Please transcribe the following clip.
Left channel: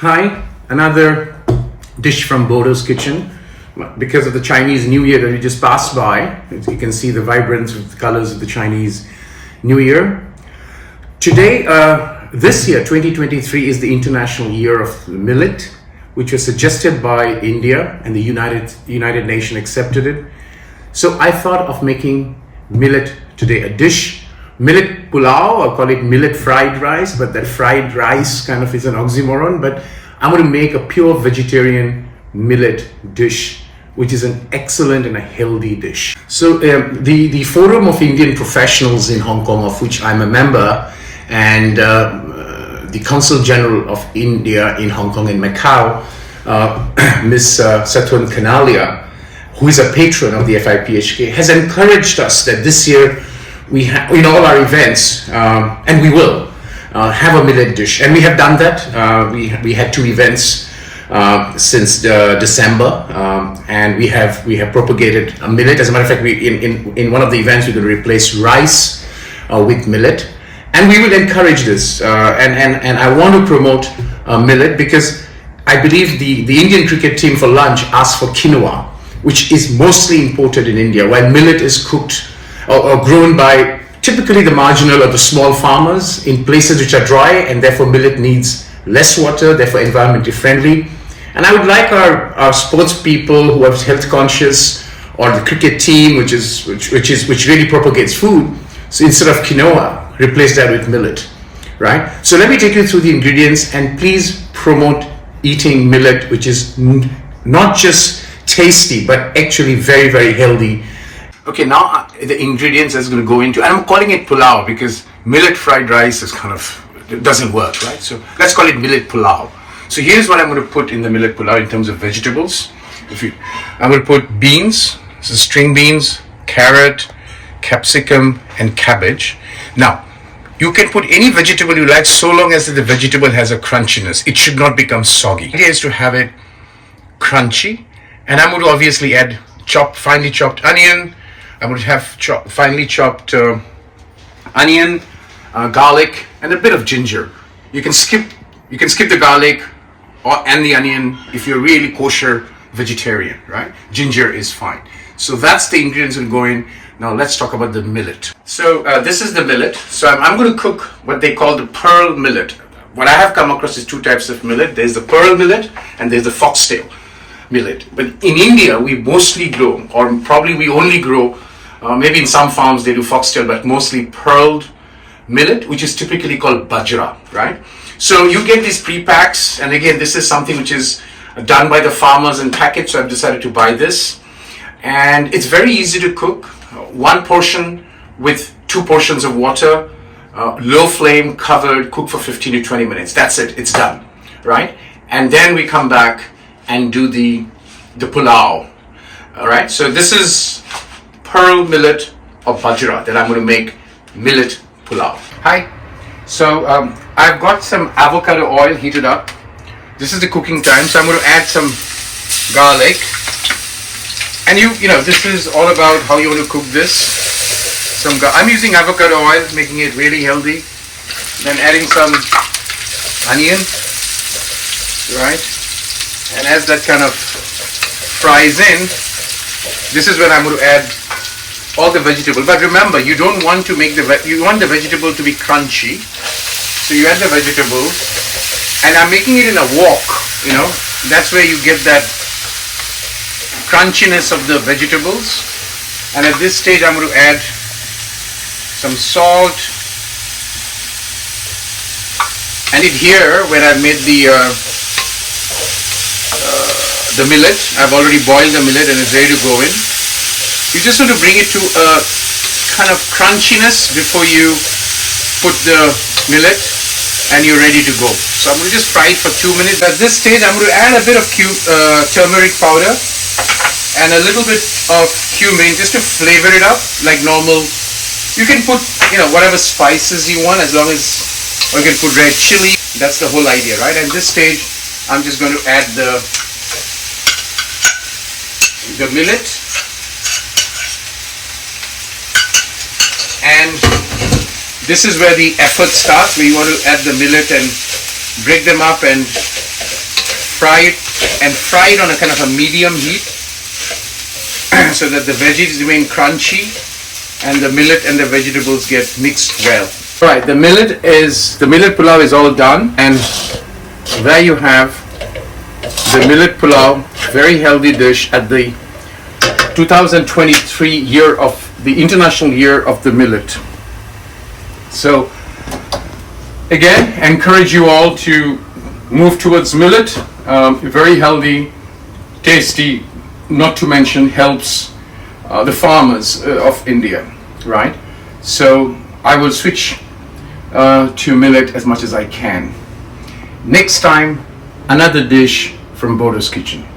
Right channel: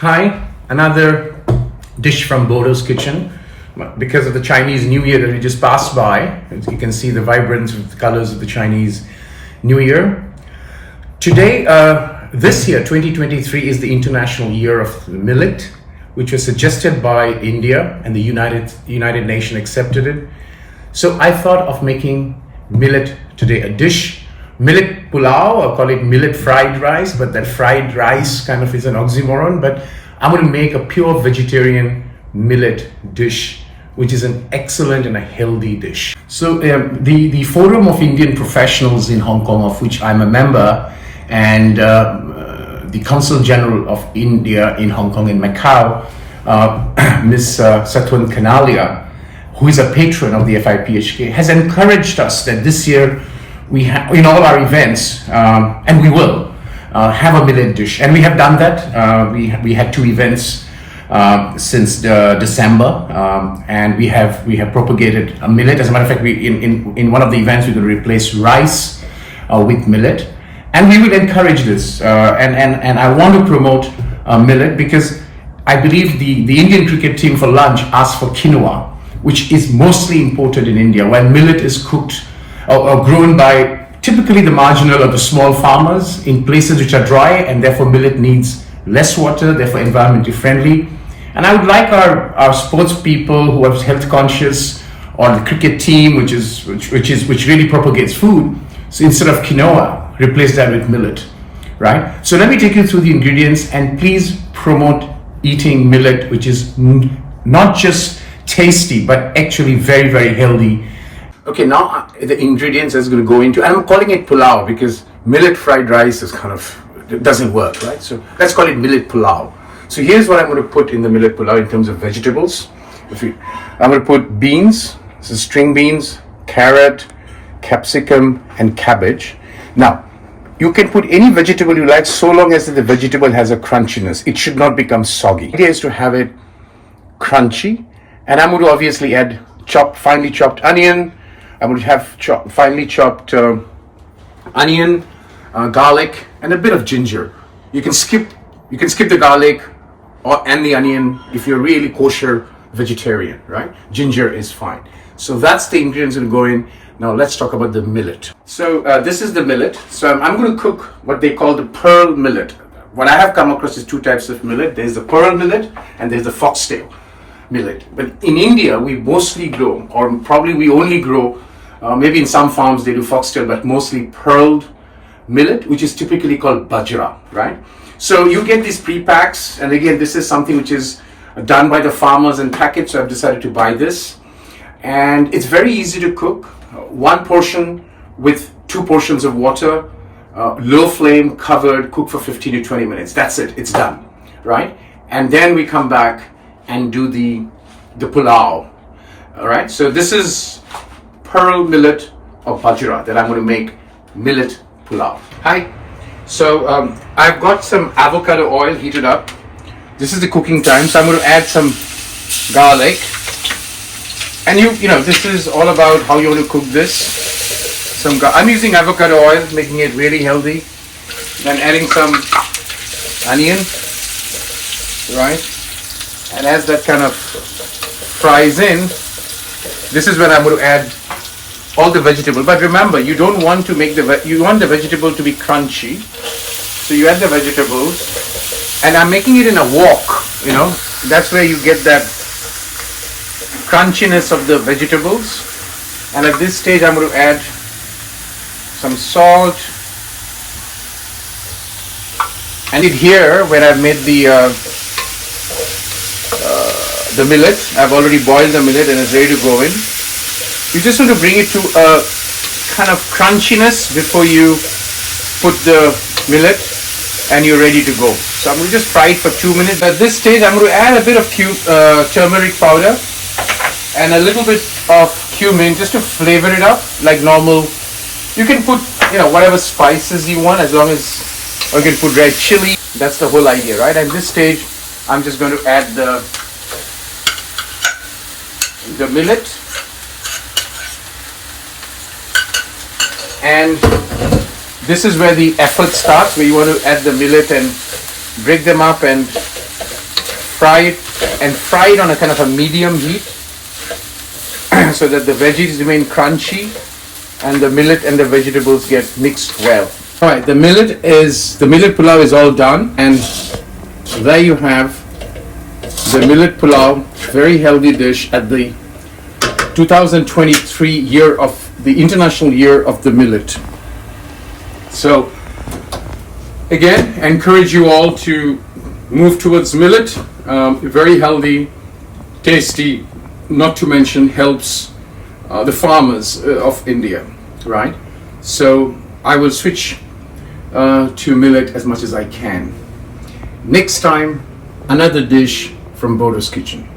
Hi, another dish from Bordo's kitchen. Because of the Chinese New Year that we just passed by, as you can see the vibrance of the colors of the Chinese New Year. Today, this year, 2023, is the International Year of Millet, which was suggested by India, and the United Nations accepted it. So I thought of making millet today, a dish. Millet Pulao, I'll call it millet fried rice, but that fried rice kind of is an oxymoron. But I'm going to make a pure vegetarian millet dish, which is an excellent and a healthy dish. So the Forum of Indian Professionals in Hong Kong, of which I'm a member, and the Consul General of India in Hong Kong and Macau, Ms. Satwan Kanalia, who is a patron of the FIPHK, has encouraged us that this year we have, in all our events, and we will have a millet dish, and we have done that. We had two events since December, and we have propagated a millet. As a matter of fact, we in one of the events we're going to replace rice with millet, and we will encourage this. And I want to promote millet because I believe the Indian cricket team for lunch asked for quinoa, which is mostly imported in India, while millet is cooked or grown by typically the marginal or the small farmers in places which are dry, and therefore millet needs less water, therefore environmentally friendly. And I would like our sports people who are health conscious, or the cricket team which really propagates food, so instead of quinoa, replace that with millet, right? So let me take you through the ingredients, and please promote eating millet, which is not just tasty but actually very, very healthy. Okay, now the ingredients is going to go into, and I'm calling it pulao because millet fried rice is it doesn't work, right? So let's call it millet pulao. So here's what I'm going to put in the millet pulao in terms of vegetables. I'm going to put beans, so string beans, carrot, capsicum, and cabbage. Now, you can put any vegetable you like so long as the vegetable has a crunchiness. It should not become soggy. The idea is to have it crunchy, and I'm going to obviously add finely chopped onion. I'm going to have finely chopped onion, garlic, and a bit of ginger. You can skip the garlic and the onion if you're really kosher vegetarian, right? Ginger is fine. So that's the ingredients that go in. Now let's talk about the millet. So this is the millet. So I'm going to cook what they call the pearl millet. What I have come across is two types of millet. There's the pearl millet and there's the foxtail millet. But in India, we mostly grow, or probably we only grow, maybe in some farms they do foxtail, but mostly pearled millet, which is typically called bajra, right? So you get these pre-packs, and again, this is something which is done by the farmers and packaged, so I've decided to buy this. And it's very easy to cook. One portion with 2 portions of water, low flame, covered, cook for 15 to 20 minutes. That's it, it's done, right? And then we come back and do the pulao, all right? So this is pearl millet or bajra that I'm going to make millet pulao. Hi. So I've got some avocado oil heated up. This is the cooking time, so I'm going to add some garlic. And you know, this is all about how you want to cook this. I'm using avocado oil, making it really healthy. Then adding some onion, right? And as that kind of fries in, this is where I'm going to add all the vegetable. But remember, you don't want to make you want the vegetable to be crunchy. So you add the vegetables, and I'm making it in a wok, you know. That's where you get that crunchiness of the vegetables. And at this stage, I'm going to add some salt. And here, where I've made the millet, I've already boiled the millet and it's ready to go in. You just want to bring it to a kind of crunchiness before you put the millet, and you're ready to go. So I'm going to just fry it for 2 minutes. At this stage, I'm going to add a bit of turmeric powder and a little bit of cumin just to flavor it up like normal. You can put, you know, whatever spices you want, as long as, or you can put red chili. That's the whole idea, right? At this stage, I'm just going to add the millet. And this is where the effort starts, where you want to add the millet and break them up and fry it on a kind of a medium heat so that the veggies remain crunchy and the millet and the vegetables get mixed well. All right, the millet pulao is all done, and there you have the millet pulao, very healthy dish at the 2023 year of the International Year of the Millet. So again, encourage you all to move towards millet. Very healthy, tasty, not to mention helps the farmers of India, right? So I will switch to millet as much as I can. Next time, another dish from Bordo's kitchen.